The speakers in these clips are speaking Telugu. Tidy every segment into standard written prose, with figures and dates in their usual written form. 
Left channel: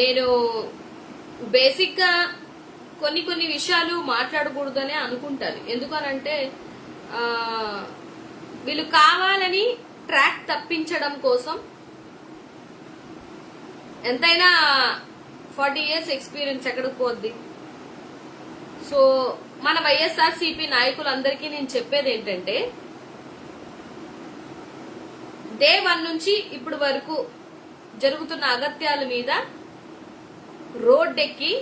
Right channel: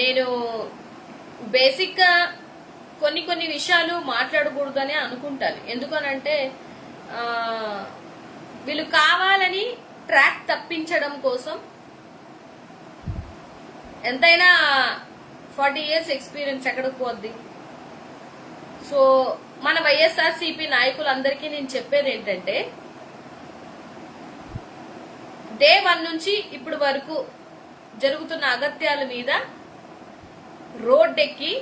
నేను బేసిక్ గా కొన్ని విషయాలు మాట్లాడకూడదనే అనుకుంటాను. ఎందుకనంటే వీళ్ళు కావాలని ట్రాక్ తప్పించడం కోసం ఎంతైనా 40 years ఎక్స్పీరియన్స్ ఎక్కడికి పోద్ది. సో మన వైఎస్ఆర్సీపీ నాయకులందరికీ నేను చెప్పేది ఏంటంటే, డే 1 నుంచి ఇప్పుడు వరకు జరుగుతున్న అగత్యాల మీద రోడ్డెక్కి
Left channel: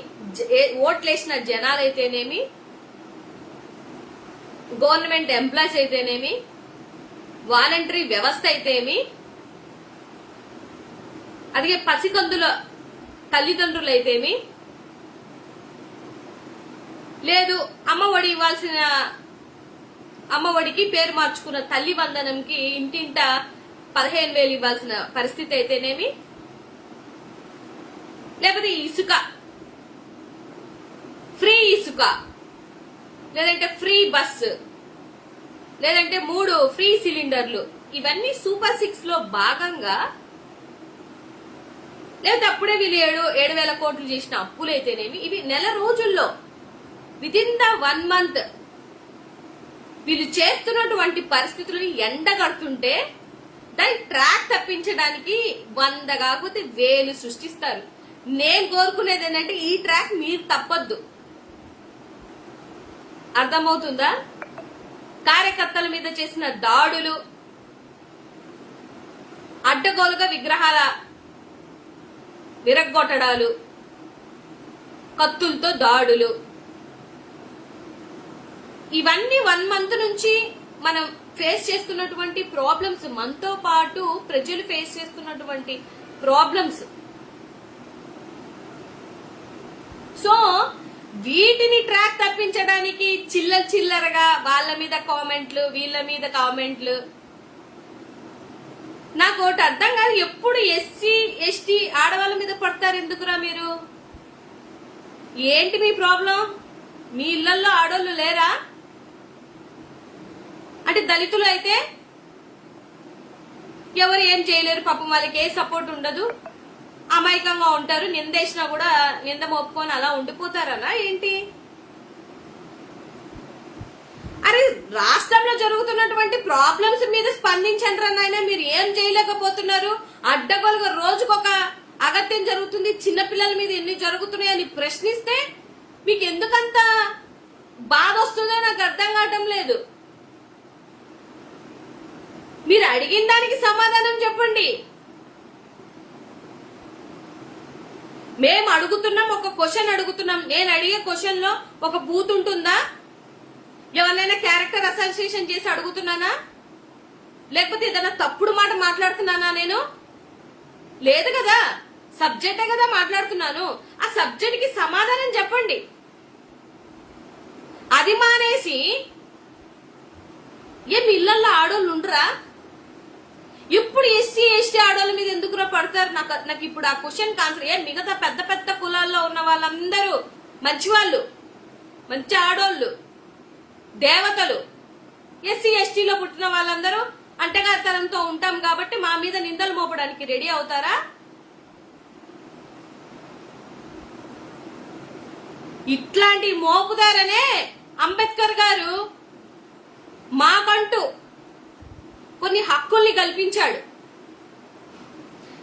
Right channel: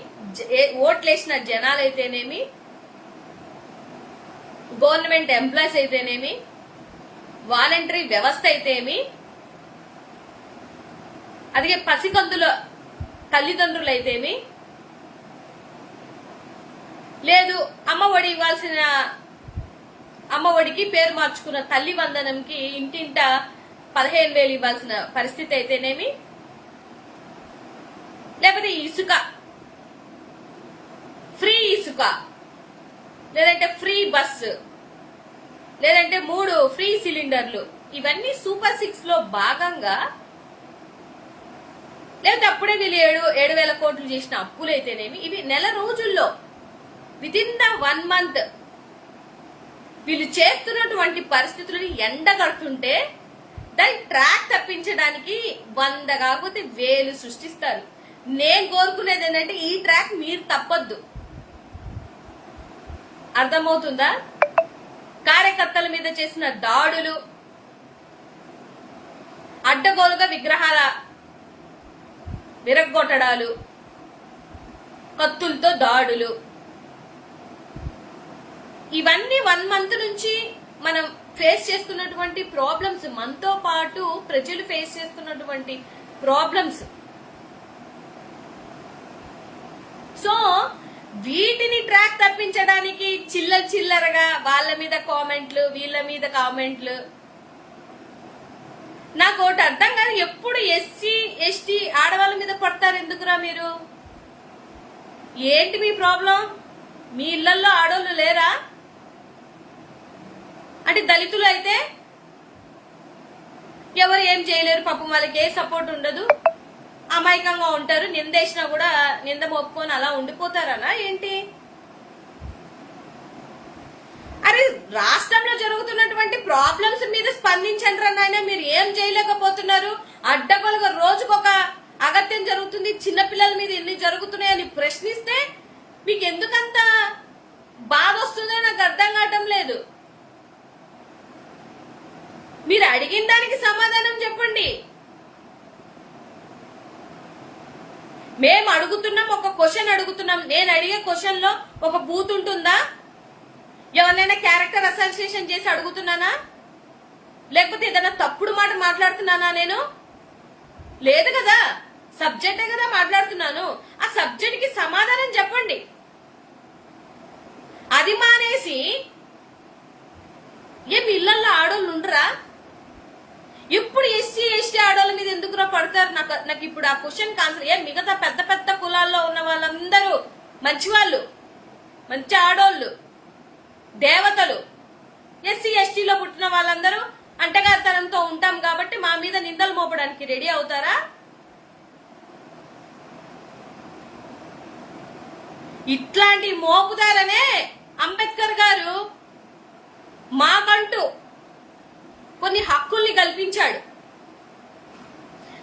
ఓట్లేసిన జనాలైతేనేమి, గవర్నమెంట్ ఎంప్లాయీస్ అయితేనేమి, వాలంటరీ వ్యవస్థ అయితేమి, అదే పసికందుల తల్లిదండ్రులు అయితేమి, లేదు అమ్మఒడి ఇవ్వాల్సిన అమ్మఒడికి పేరు మార్చుకున్న తల్లి వందనంకి ఇంటింట 15,000 ఇవ్వాల్సిన పరిస్థితి అయితేనేమి, లేకపోతే ఇసుక ఫ్రీ ఇసుక, లేదంటే ఫ్రీ బస్సు, లేదంటే 3 ఫ్రీ సిలిండర్లు, ఇవన్నీ సూపర్ 6 లో భాగంగా, లేకపోతే అప్పుడే వీళ్ళు 7,000 కోట్లు చేసిన అప్పులైతేనేమి, ఇవి నెల రోజుల్లో విత్ ఇన్ ద 1 month వీళ్ళు చేస్తున్నటువంటి పరిస్థితులని ఎండగడుతుంటే దాన్ని ట్రాక్ తప్పించడానికి 100 కాకపోతే 1000 సృష్టిస్తారు. నేను కోరుకునేది ఏంటంటే ఈ ట్రాక్ మీరు తప్పొద్దు. అర్థమవుతుందా? కార్యకర్తల మీద చేసిన దాడులు, అడ్డగోలుగా విగ్రహాల విరగ్గొట్టడాలు, కత్తులతో దాడులు, ఇవన్నీ 1 month నుంచి మనం ఫేస్ చేస్తున్నటువంటి ప్రాబ్లమ్స్, మనతో పాటు ప్రజలు ఫేస్ చేస్తున్నటువంటి ప్రాబ్లమ్స్. సో వీటిని ట్రాక్ తప్పించడానికి చిల్లరగా వాళ్ళ మీద కామెంట్లు, వీళ్ళ మీద కామెంట్లు. నాకు ఒకటి అర్థం కాదు, ఎప్పుడు ఎస్సీ ఎస్టీ ఆడవాళ్ళ మీద పడతారు ఎందుకురా మీరు? ఏంటి మీ ప్రాబ్లం? మీ ఇళ్లలో ఆడవాళ్ళు లేరా? అంటే దళితులు అయితే ఎవరు ఏం చేయలేరు, పాపం వాళ్ళకి ఏ సపోర్ట్ ఉండదు, అమాయకంగా ఉంటారు, నిందేసినా కూడా నింద మోపుకొని అలా ఉండిపోతారనా ఏంటి? అరే రాష్ట్రంలో జరుగుతున్నటువంటి ప్రాబ్లమ్స్ మీద స్పందించండి నాయన. మీరు ఏం చేయలేకపోతున్నారు? అడ్డగోలుగా రోజుకొక అగత్యం జరుగుతుంది, చిన్నపిల్లల మీద ఎన్ని జరుగుతున్నాయని ప్రశ్నిస్తే మీకు ఎందుకంత బాధ వస్తుందో నాకు అర్థం కావటం లేదు. మీరు అడిగిన దానికి సమాధానం చెప్పండి. మేము అడుగుతున్నాం, ఒక క్వశ్చన్ అడుగుతున్నాం. నేను అడిగే క్వశ్చన్ లో ఒక బూత్ ఉంటుందా? ఎవరినైనా క్యారెక్టర్ అసోసియేషన్ చేసి అడుగుతున్నానా? లేకపోతే ఏదైనా తప్పుడు మాట మాట్లాడుతున్నానా? నేను లేదు కదా, సబ్జెక్టే కదా మాట్లాడుతున్నాను. ఆ సబ్జెక్ట్ కి సమాధానం చెప్పండి. అది మానేసి ఏం ఇళ్లలో ఆడోళ్ళు ఉండరా? ఇప్పుడు ఎస్సీ ఎస్టీ ఆడోళ్ళ మీద ఎందుకురా పడతారు? నాకు ఇప్పుడు ఆ క్వశ్చన్ ఆన్సర్. ఏం మిగతా పెద్ద పెద్ద కులాల్లో ఉన్న వాళ్ళందరూ మంచి వాళ్ళు, మంచి ఆడోళ్ళు, దేవతలు. ఎస్సీ ఎస్టీలో పుట్టిన వాళ్ళందరూ అంటగారితనంతో ఉంటాం కాబట్టి మా మీద నిందలు మోపడానికి రెడీ అవుతారా? ఇట్లాంటి మోపుదారనే అంబేద్కర్ గారు మాకంటూ కొన్ని హక్కుల్ని కల్పించాడు.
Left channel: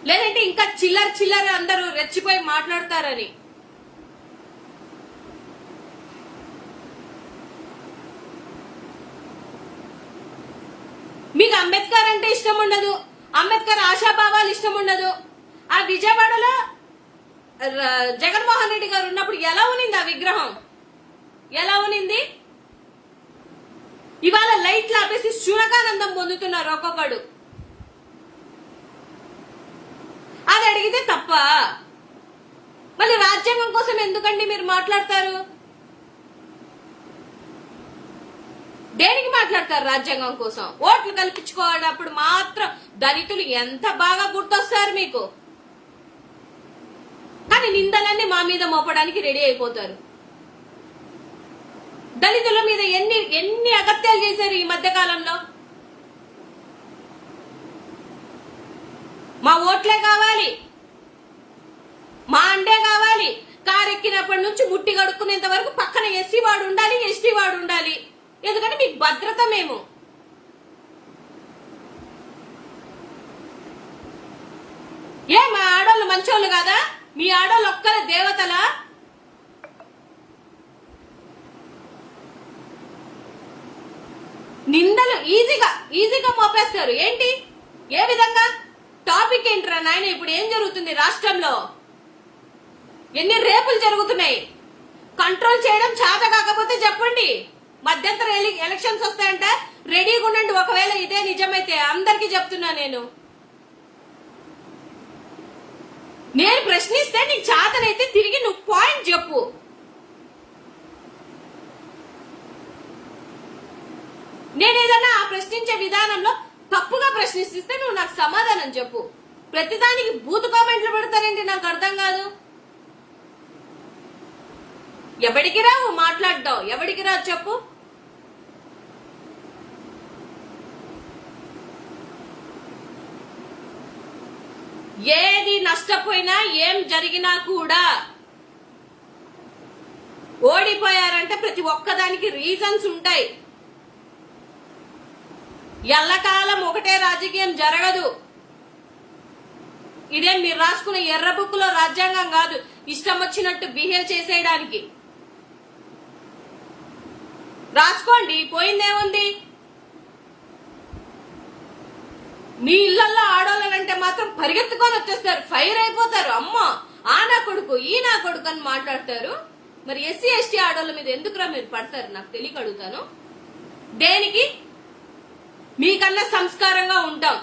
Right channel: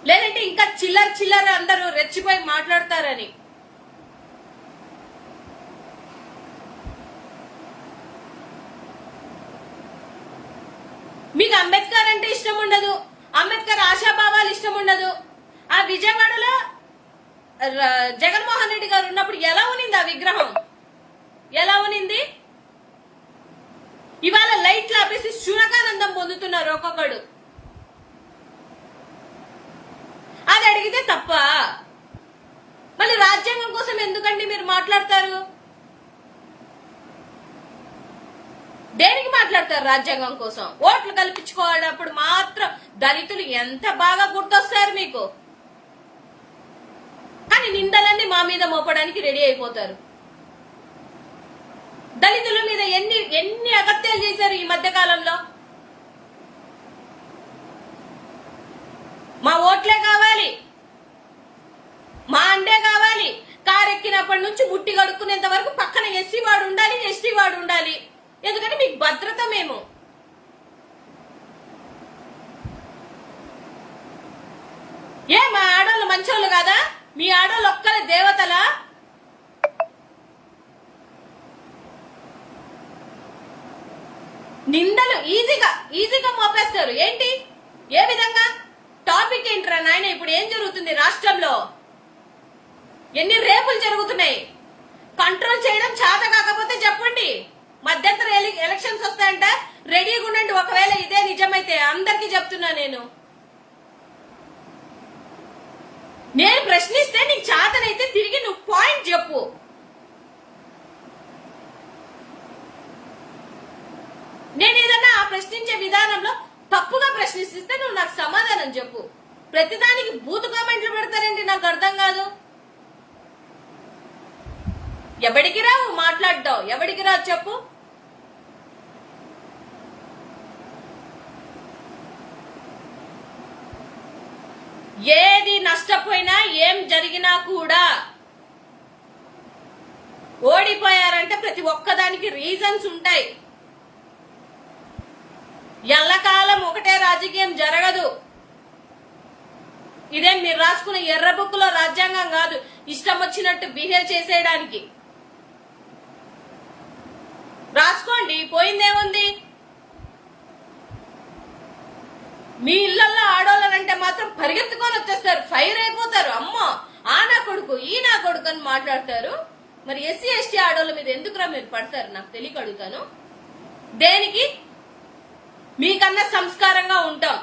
లేదంటే ఇంకా చిల్లర అందరూ రెచ్చిపోయి మాట్లాడతారని. మీకు అంబేద్కర్ అంటే ఇష్టం ఉండదు, అంబేద్కర్ ఆశాభావాలు ఇష్టం ఉండదు. ఆ విజయవాడలో జగన్మోహన్ రెడ్డి గారు ఉన్నప్పుడు ఎలా ఉనింది ఆ విగ్రహం? ఎలా ఉనింది? ఇవాళ లైట్లు ఆపేసి శునకానందం పొందుతున్నారు ఒక్కొక్కడు. అది అడిగితే తప్ప. మళ్ళీ రాజ్యాంగం కోసం ఎందుకండి మీరు మాట్లాడతారు? దేనికి మాట్లాడతారు రాజ్యాంగం కోసం? ఓట్లు కల్పించుకోవాలప్పుడు మాత్రం దళితులు ఎంత బాగా గుర్తొస్తారు మీకు. కానీ నిందలన్నీ మా మీద మోపడానికి రెడీ అయిపోతారు. దళితుల మీద ఎన్ని అగత్యాలు చేశారు ఈ మధ్య కాలంలో. మా ఓట్లే కావాలి, మా అండే కావాలి. కారు ఎక్కినప్పటి నుంచి ముట్టి కడుక్కునేంత వరకు పక్కన ఎస్సీ వాడు ఉండాలి, ఎస్టీ వాడు ఉండాలి. ఎందుకంటే మీకు భద్రత మేము. మా ఆడోళ్ళు మంచోళ్ళు కాదా? మీ ఆడోళ్ళు ఒక్కరే దేవతలా? నిందలు ఈజీగా మోపేస్తారు. ఏంటి, ఏ విధంగా? టాపిక్ ఏంట్రా నాయన? ఇప్పుడు ఏం జరుగుతుంది రాష్ట్రంలో? ఎన్ని రేపులు జరుగుతున్నాయి? కంట్రోల్ చేయడం చేత కాకపోతే చెప్పండి. మధ్యంతర ఎలక్షన్స్ వస్తాయంట, రెడీగా ఉండండి. ఒకవేళ ఇదే నిజమైతే అందరికి చెప్తున్నా నేను ప్రశ్నిస్తే నీకు చేతనైతే తిరిగి నువ్వు పాయింట్ చెప్పు. నేను ఏదన్నా ఆ ప్రశ్నించే విధానంలో తప్పుగా ప్రశ్నిస్తే నువ్వు నాకు సమాధానం చెప్పు. ప్రతిదానికి బూతు కామెంట్లు పెడతారేంటి? నాకు అర్థం కాదు. ఎవడికి రావు మాట్లాడడం? ఎవడికి రావు చెప్పు. ఏది నష్టపోయినా ఏం జరిగినా కూడా ఓడిపోయారంటే ప్రతి ఒక్కదానికి రీజన్స్ ఉంటాయి. ఎల్లకాలం ఒకటే రాజకీయం జరగదు. ఇదేం మీరు రాసుకున్న ఎర్ర బుక్ లో రాజ్యాంగం కాదు ఇష్టం వచ్చినట్టు బిహేవ్ చేసేయడానికి. రాసుకోండి, పోయిందేముంది. మీ ఇళ్లలో ఆడోళ్ళంటే మాత్రం పరిగెత్తుకొని వచ్చేస్తారు, ఫైర్ అయిపోతారు. అమ్మో ఆ నా కొడుకు, ఈ నా కొడుకు అని మాట్లాడతారు. మరి ఎస్సీ ఎస్టీ ఆడోళ్ళ మీద ఎందుకురా మీరు పడతారు? నాకు తెలియక అడుగుతాను. దేనికి? మీకన్నా సంస్కారంగా ఉంటాం,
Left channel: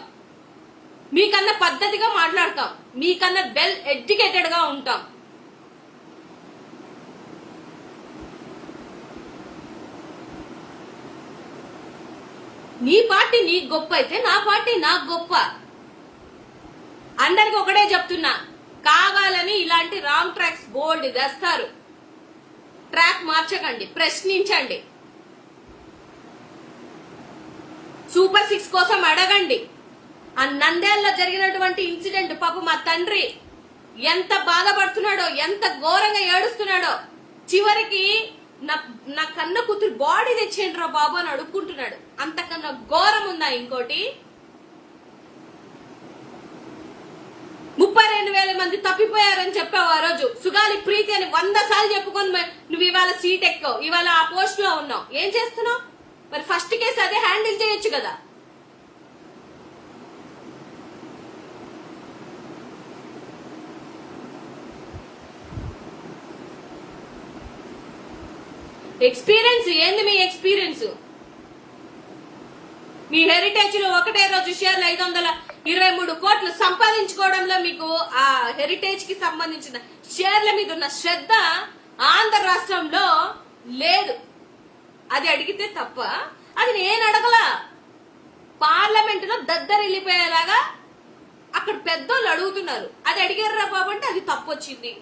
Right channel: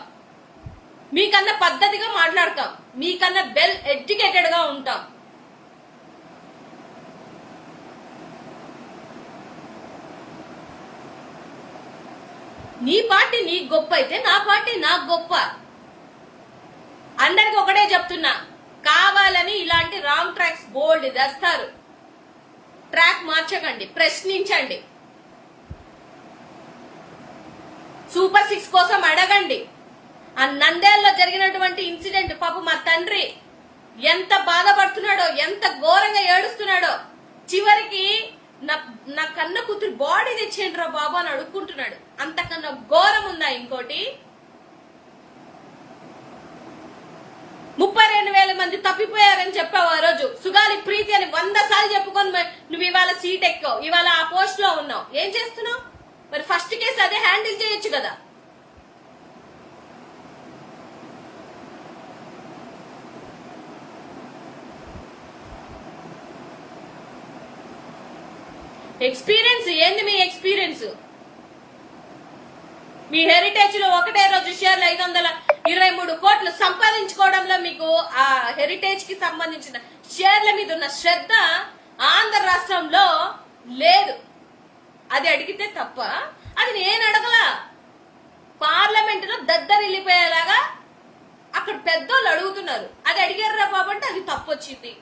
మీకన్నా పద్ధతిగా మాట్లాడతాం, మీకన్నా వెల్ ఎడ్యుకేటెడ్ గా ఉంటాం. నీ పార్టీ నీకు గొప్ప అయితే నా పార్టీ నాకు గొప్ప. అందరికి ఒకటే చెప్తున్నా, కావాలని ఇలాంటి రాంగ్ ట్రాక్స్ బోల్డ్ తెస్తారు. ట్రాక్ మార్చకండి, ప్రశ్నించండి. సూపర్ 6 కోసం అడగండి. ఆ నంద్యాలలో జరిగినటువంటి ఇన్సిడెంట్ పాపం మా తండ్రి ఎంత బాధపడుతున్నాడో, ఎంత ఘోరంగా ఏడుస్తున్నాడో. చివరికి నా కన్న కూతురు బాడీ తెచ్చేయండి రా బాబు అని అడుక్కుంటున్నాడు. అంతకన్నా ఘోరం ఉందా ఇంకోటి? 32,000 మంది తప్పిపోయారని చెప్పావు ఆ రోజు. సుగాలి ప్రీతి అని 100 సార్లు చెప్పుకొని నువ్వు ఇవాళ సీట్ ఎక్కావు, ఇవాళ ఆ పోస్ట్ లో ఉన్నావు. ఏం చేస్తున్నావు? మరి ఫస్ట్ కేసు అదే హ్యాండిల్ చేయొచ్చు కదా. ఎక్స్పీరియన్స్ ఏంది మీ ఎక్స్పీరియన్స్? మీ హెరిటేజ్ లో ఒకటే రోజు షేర్లు 523 కోట్లు సంపాదించుకోవడంలో మీకు ఆ హెరిటేజ్ కి సంబంధించిన షేర్ల మీద ఉన్న శ్రద్ధ ఆంధ్ర రాష్ట్రంలో లేదు. అది అడిగితే తప్ప, అది నేను అడగలా. పార్లమెంట్ లో దద్దరిల్లిపోయేలాగా అక్కడ పెద్దోళ్ళు అడుగుతున్నారు, అది అడిగారా బాబు అంటే అది తప్పు వచ్చింది.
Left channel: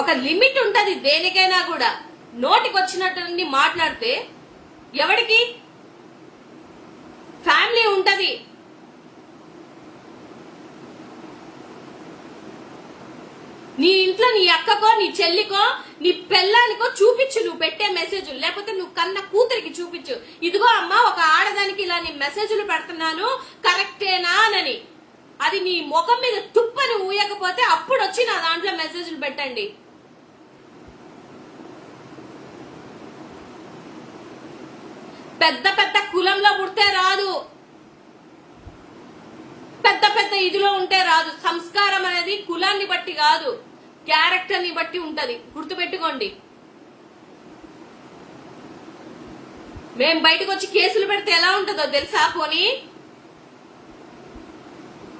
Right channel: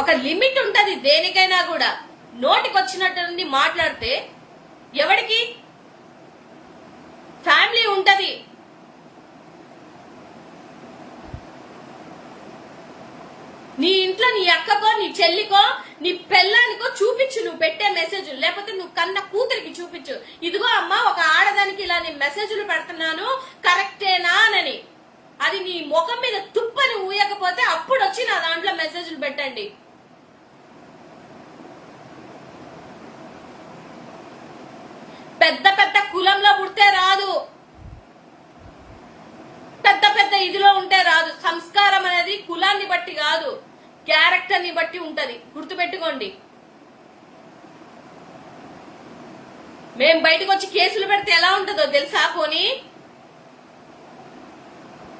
ఒక లిమిట్ ఉంటది దేనికైనా కూడా. నోటికి వచ్చినట్టు మాట్లాడితే ఎవడికి? ఫ్యామిలీ ఉంటది. నీ ఇంట్లో నీ అక్కకో, నీ చెల్లికో, నీ పెళ్ళానికో చూపించు నువ్వు పెట్టే మెసేజ్. లేకపోతే నువ్వు కన్న కూతురికి చూపించు, ఇదిగో అమ్మా ఒక ఆడదానికి ఇలా నేను మెసేజ్లు పెడుతున్నాను, కరెక్టేనా అని. అది నీ ముఖం మీద తుప్పని ఊయకపోతే అప్పుడు వచ్చి నా దాంట్లో మెసేజ్లు పెట్టండి. పెద్ద పెద్ద కులంలో పుడితే రాదు, పెద్ద పెద్ద ఇదిలో ఉంటే రాదు. సంస్కారం అనేది కులాన్ని బట్టి కాదు, క్యారెక్టర్ ని బట్టి ఉంటది. గుర్తుపెట్టుకోండి. మేం బయటకు వచ్చి కేసులు పెడితే ఎలా ఉంటుందో తెలుసా? పోనీ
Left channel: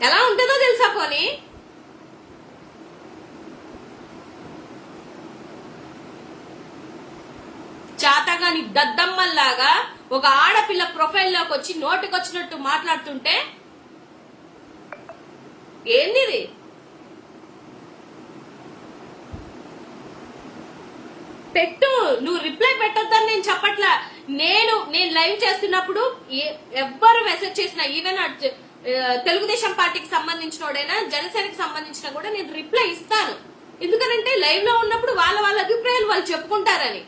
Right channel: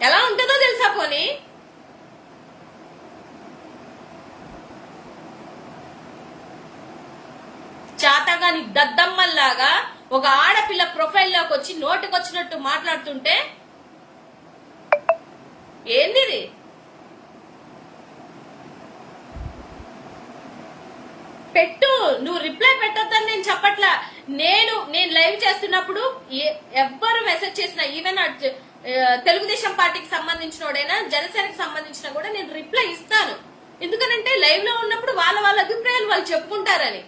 ఎలా ఉంటుందో తెలుసా? పోనీ చాతగాని దద్దమ్మల్లాగా ఒక ఆడపిల్ల ప్రొఫైల్లోకి వచ్చి నోటికొచ్చినట్టు మాట్లాడుతుంటే ఏంది? పెట్టు, నువ్వు రిప్లై పెట్టొద్దని నేను చెప్పట్లా. నేను లైవ్ చేస్తున్నప్పుడు ఎవ్వరు మెసేజ్ చేసినా, ఈవెన్ తెలుగుదేశం పార్టీకి సంబంధించినోడైనా జనసేనకి సంబంధించిన కూడా నేను రిప్లై ఇస్తాను. ఎందుకనంటే లైవ్ లో ఉన్నప్పుడు వాళ్ళ అభిప్రాయాలు వాళ్ళు చెప్పుకుంటారని.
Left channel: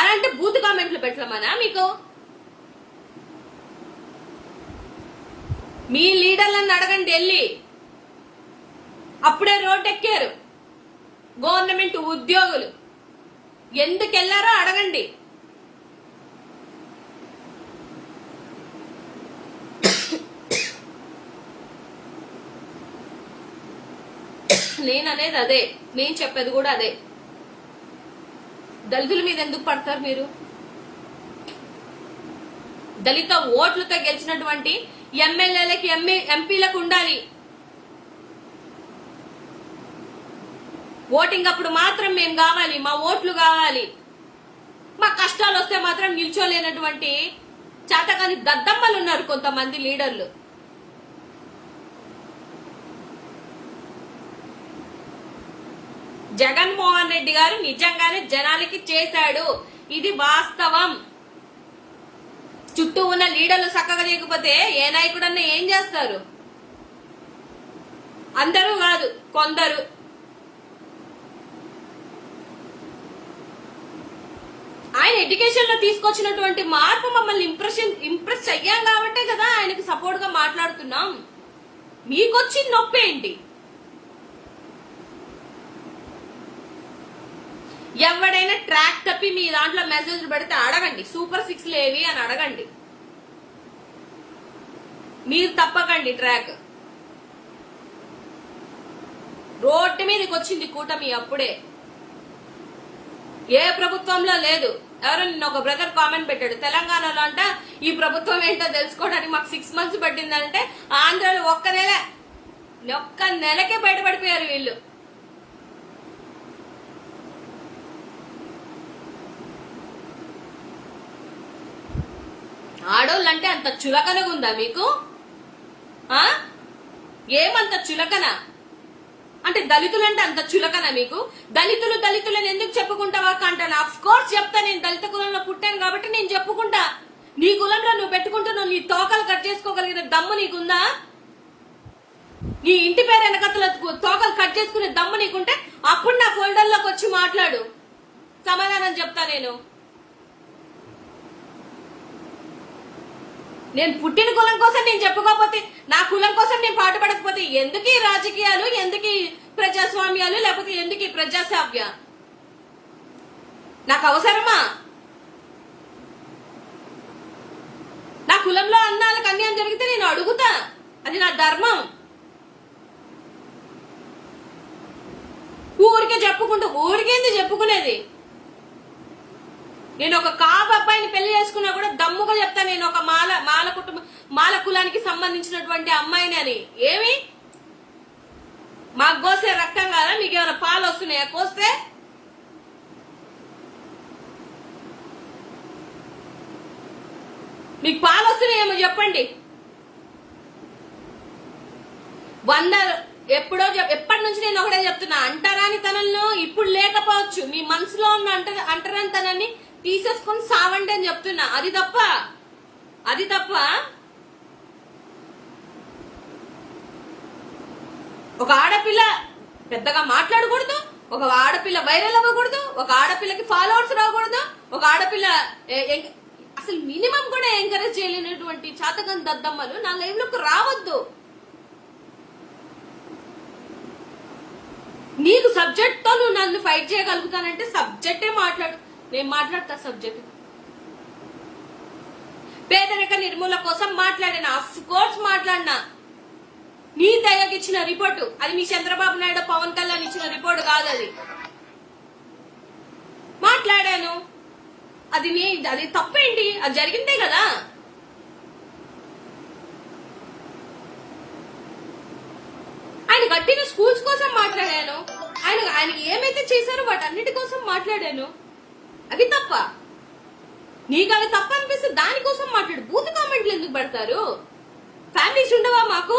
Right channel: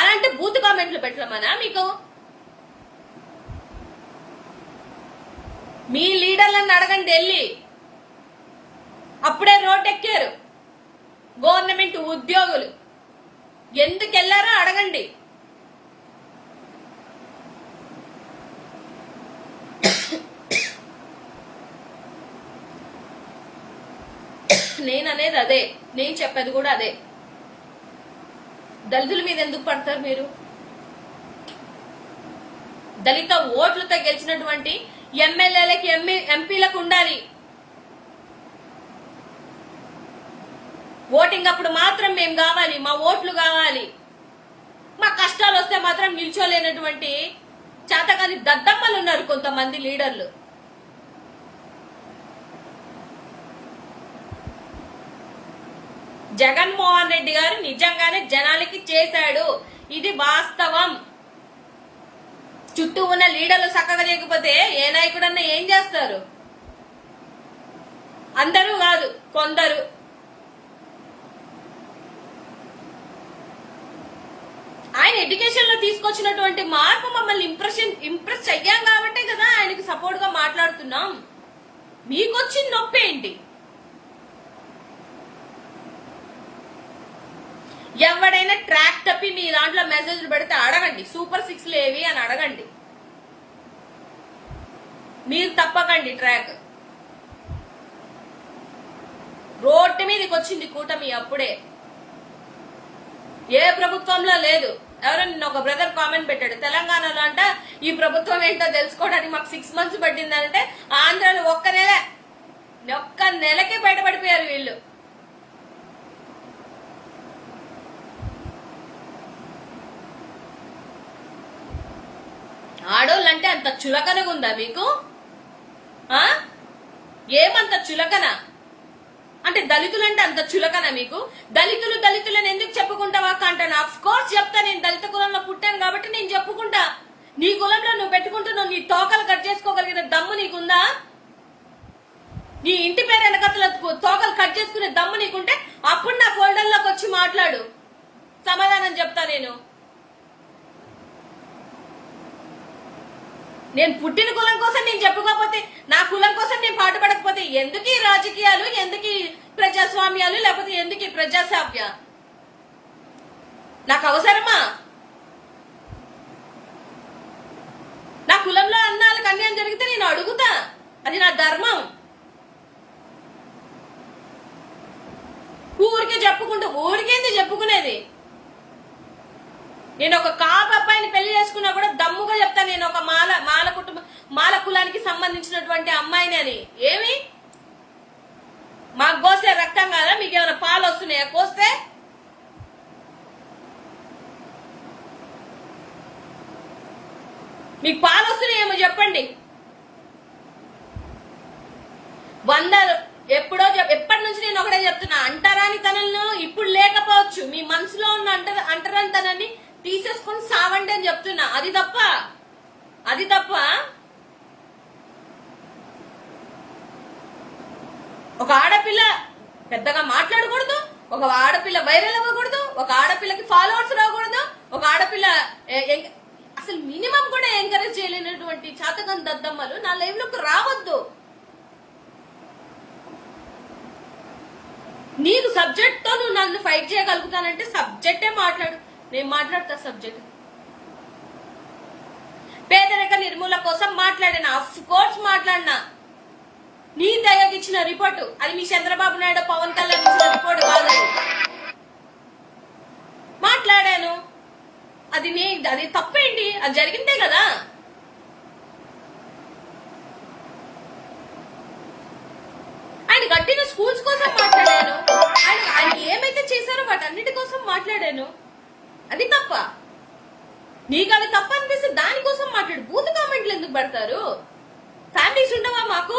అలాంటి బూత్ కామెంట్లు పెట్టమనా మీకు? మీ లీడర్లను అడగండి వెళ్ళి. అప్పుడే రోడ్ ఎక్కారు గవర్నమెంట్ ఉద్యోగులు, ఎందుకు వెళ్లారో అడగండి. నేననేది అదే, నేను చెప్పేది కూడా అదే. దళితుల మీద ఎందుకు పడతారు మీరు? దళిత ఓట్లతో గెలిచినటువంటి ఎమ్మెల్యేలకి ఎంపీలకు ఉండాలి. ఓటింగ్ అప్పుడు మాత్రం మేము కావాలి, మా ఓట్లు కావాలి. మా కష్టాలు వస్తే మాత్రం నిల్చోలేనటువంటి చేతకాని దద్దమ్మలు ఉన్నారు కొంతమంది లీడర్లు. జగన్మోహన్ రెడ్డి గారు నిజంగానే జనాలకి చేశాడు, ఇది వాస్తవం. చుట్టూ ఉన్న లీడర్లు చక్కగా లేకపోతే ఏ నాయకుడన్నా ఏం చేస్తారు? అందరూ కాదు, కొందరు. ఆయన ఎడ్యుకేషన్ లో తీసుకొచ్చినటువంటి మార్పు మమ్మల్ని ఇంప్రెస్ అయ్యాం కాబట్టే కదా ఆయనకి సపోర్ట్ గా మాట్లాడుతున్నాం. మీకొచ్చిన నొప్పి ఏంటి? ఎవడైనా ట్రాక్ తప్పి మీ దాంట్లో మెసేజ్లు పెడితే అడగండి, సూపర్ 6 లేవి అని అడగండి. మీరు తప్పకండి ట్రాక్. రోడ్డు మీదకి వచ్చింది కూటమి అప్పుడే, ఏ ప్రభుత్వంలో లేదు. ఎవరో నిన్న ఒక బ్రదర్ కామెంట్ పెట్టాడు, తెలంగాణలో అంట ఈ ప్రభుత్వం ఏంటో తెలుసుకోవడానికి మాకు 6 months పట్టిందంటే, ఆంధ్రాలో ఒక్క నెలకే బయటపడిపోయారు వీళ్ళు. ఆడోళ్ళంటే అంత చులకనగా ఉందా మీకు? ఏమంత చులకన అంటే దళితులంటే అంత చులకన మీకు? దళితులని ఎందుకు చెప్పుకుంటావా అంటాను. అఫ్ కోర్స్ చెప్తా, నేను దళిత కులంలో పుట్టాను కాబట్టి నేను చెప్పుకుంటా. నీ కులంలో నువ్వు పెట్టుకుంటున్నావు, నీ తోకలు కట్ చేసుకోగలిగిన దమ్ము నీకుందా? నీ ఇంటి పేరు వెనకతల తోకలు కట్ చేసుకునే దమ్ము నీకుంటే అప్పుడు నా ఫోల్డర్లోకి వచ్చి మాట్లాడు, సమాధానం చెప్తా. నేను పుట్టిన కులం కోసం నేను చెప్పుకోకపోతే, నా కులం కోసం నేను పాటుపడకపోతే ఎందుకు ఈ రాజకీయాలు, ఎందుకు ఈ ప్రజాస్వామ్యాలు, లేకపోతే ఎందుకు ఈ ప్రజాస్వామ్య? నాకు అవసరమా? నా కులంలో అన్నాలకు అన్యాయం జరిగితే నేను అడుగుతా, అది నా ధర్మం. ఊరికేంది చెప్పుకునేది? నేను ఒక కాపు అబ్బాయిని పెళ్లి చేసుకున్నా కూడా దమ్ముగా చెప్తా, నేను ఒక మాల కులానికి సంబంధించినటువంటి అమ్మాయిని అని. ఏమి మాకు కోసే రక్తం కాదా? మీకేమైనా పాలు వస్తున్నాయా కోస్తే? మీకు పాలు వస్తున్నాయేమో చెప్పండి. ఎప్పటి నుంచి నేను ఒకటే చెప్తున్నా, అంటరాని తనలను ఇప్పుడు లేకపోవచ్చు, మీ మనసులో ఉన్న అంటరాని తనాన్ని తీసేసుకొని సావండి అని చెప్తున్నా. అది తప్ప ఒక ఆడపిల్ల పెద్దగా మాట్లాడకూడదు, ఒక ఆడపిల్ల వైరల్ అవ్వకూడదు, ఒక ఆడపిల్లకి ఫాలోవర్స్ రాకూడదు, ఒక ఆడపిల్ల అసలు మినిమం కూడా ఎంకరేజ్ చేయలేనటువంటి చాతకం దద్దమ్మలు నా లైవ్ లోకి రావద్దు. నీకు సబ్జెక్ట్ తో నువ్వు నన్ను ఫైట్ చేయగలుగుతానంటే సబ్జెక్టే మాట్లాడు, నేను మాట్లాడతా సబ్జెక్ట్. పేదరిక నిర్మూలన కోసం మాట్లాడినా, ఆఫ్ కోర్స్ మాట్లాడినా. నీ దయకి ఇచ్చిన రిపోర్టు అది మీ చంద్రబాబు నాయుడు పవన్ కళ్యాణ్ ఇచ్చిన రిపోర్టు కాదని మాట్లాడాను. అది తప్పేంటి? అది జరిగిందే కదా. ఆయన కట్టిన స్కూల్స్ కోసం మాట్లాడాను, ఆయన ఏమైతే చేశారో వాటన్నిటి కోసం మాట్లాడాను. అది తప్ప? నీకు అవి తప్ప అనిపిస్తే దానికోసం మాట్లాడు. బూత్ కామెంట్లు ఎందుకు పెడతారు? ఫ్యామిలీస్ ఉండవా మాకు?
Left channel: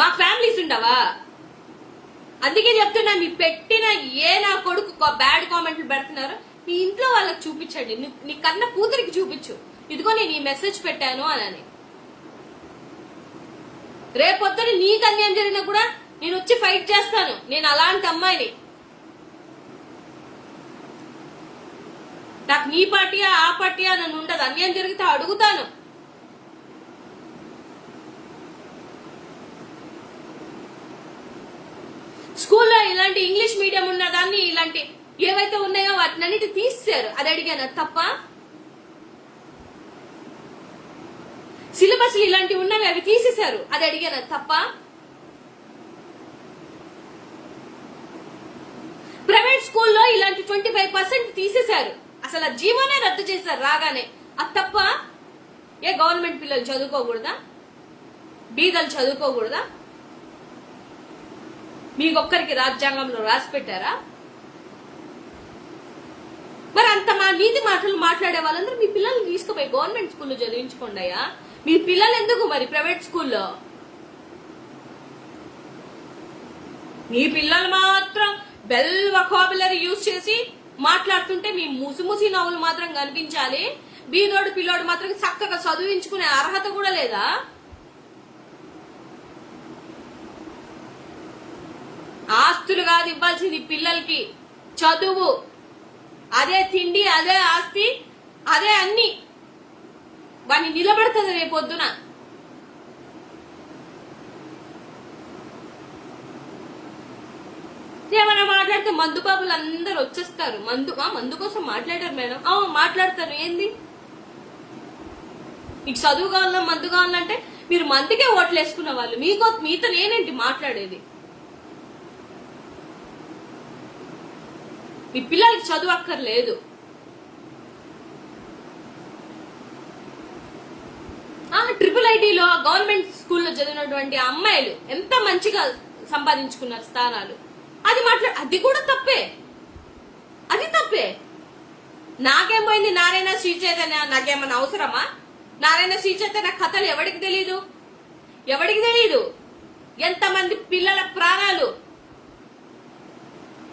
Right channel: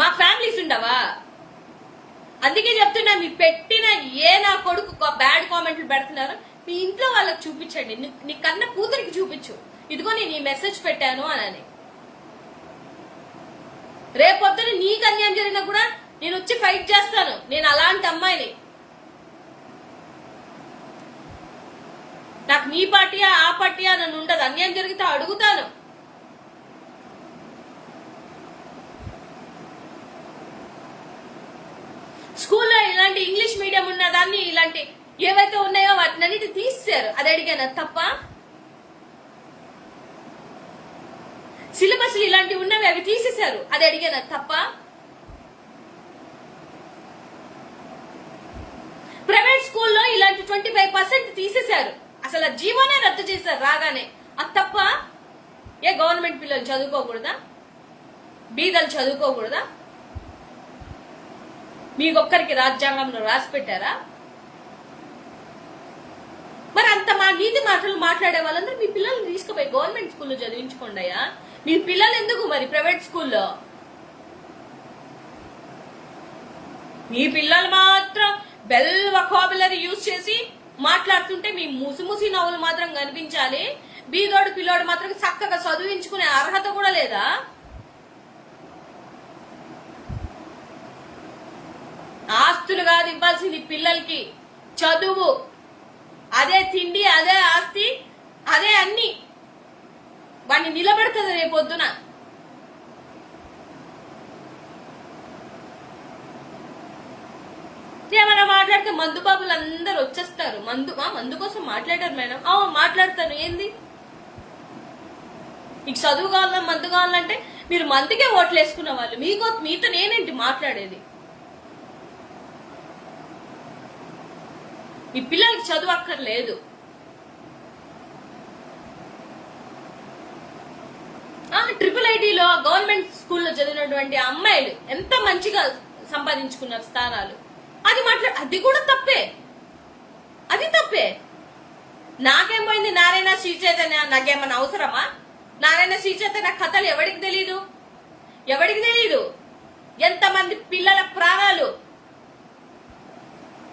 మాకు ఫ్యామిలీస్ ఉండవా? అందుకే చెప్తున్నా, మీ పెట్టిన ఏ నా కొడుకు బ్యాడ్ కామెంట్లు పెడుతున్నారు మీ ఇంట్లో వాళ్ళకి చూపించండి. నీ కన్న కూతురికి చూపించు, ఇదిగో నేను ఈ మెసేజ్ పెట్టాను అని. రేపొద్దున నీకు అన్యాయం జరిగినా కూడా నేను వచ్చి ఫైట్ చేస్తాను. నేను అలాంటి అమ్మాయిని. నాకు నీ పార్టీయా ఆ పార్టీయా నన్ను ఉండదు. అన్యాయం జరిగితే అడుగుతాను. స్కూల్లో ఇలాంటి ఇంగ్లీష్ మీడియం ఉన్న దాన్ని ఇలాంటి ఏవైతే ఉన్నాయో వాటిని అన్నిటి తీసేశారు. అది అడిగాను తప్ప. సిలబస్ ఇలాంటివి ఉన్నవి అవి తీసేశారు. అది అడిగాను తప్ప. ప్రైవేట్ స్కూల్లో ఇలాంటి 25% తీసేశారు. అసలు ఆ జీవోనే రద్దు చేశారు రాగానే. అది తప్ప. ఏ గవర్నమెంట్ పిల్లలు చదువుకోకూడదా? బీదలు చదువుకోకూడదా? మీకొక్కరికి రాజ్యాంగంలో రాసి పెట్టారా? మరి అంత మా నీతి మాటలు మాట్లాడే వాళ్ళందరూ మీ పిల్లల్ని తీసుకుపోయి గవర్నమెంట్ స్కూల్లో చదివించుకోండి అయ్యా. మీ పిల్లలు ఎందుకు మరి ప్రైవేట్ స్కూల్లో? మీ పిల్లలు మాత్రం బెల్ వొకాబులరీ యూజ్ చేసి మాట్లాడుతుంటే మీ ముసి నవ్వులు మాత్రం కనిపించాలి. బీదోడు పిల్లోడు మాత్రం చక్కగా చదివించుకునే అర్హత కూడా లేదా? ఆస్తులు కాదు ఇవ్వాల్సింది పిల్లలకి, చదువు. అదే తిండి, అదే ఆస్తి, అదే అన్ని. వాడిని నిలబడుతుంది రేపొద్దున. ఏమైనా మాట్లాడితే మందు బాబులు అందరు వచ్చేస్తారు. మందు కోసం మాట్లాడారు మేడం. మాట్లాడతాను. ఏంది మీకు చదువు కావాలా మందు కావాలంటే మీరు మందుకే ఓట్లు వేసుకున్న వాళ్ళు. మీతో నేనేంటి మాట్లాడేది? మీ పిల్లలకి చదువు అక్కర్లేదు. IIITలో గవర్నమెంట్ స్కూల్లో చదివినటువంటి అమ్మాయిలు ఎంత మంచిగా సంపాదించుకున్నారు స్థానాలు. అది కూడా తప్పే. అది తప్పే. నాకేం పోయింది? నారాయణ శ్రీ చైతన్య నాకేమన్నా అవసరమా? నారాయణ శ్రీ చైతన్య కథలు ఎవరికి తెలీదు? ఎంతమంది పిల్లల ప్రాణాలు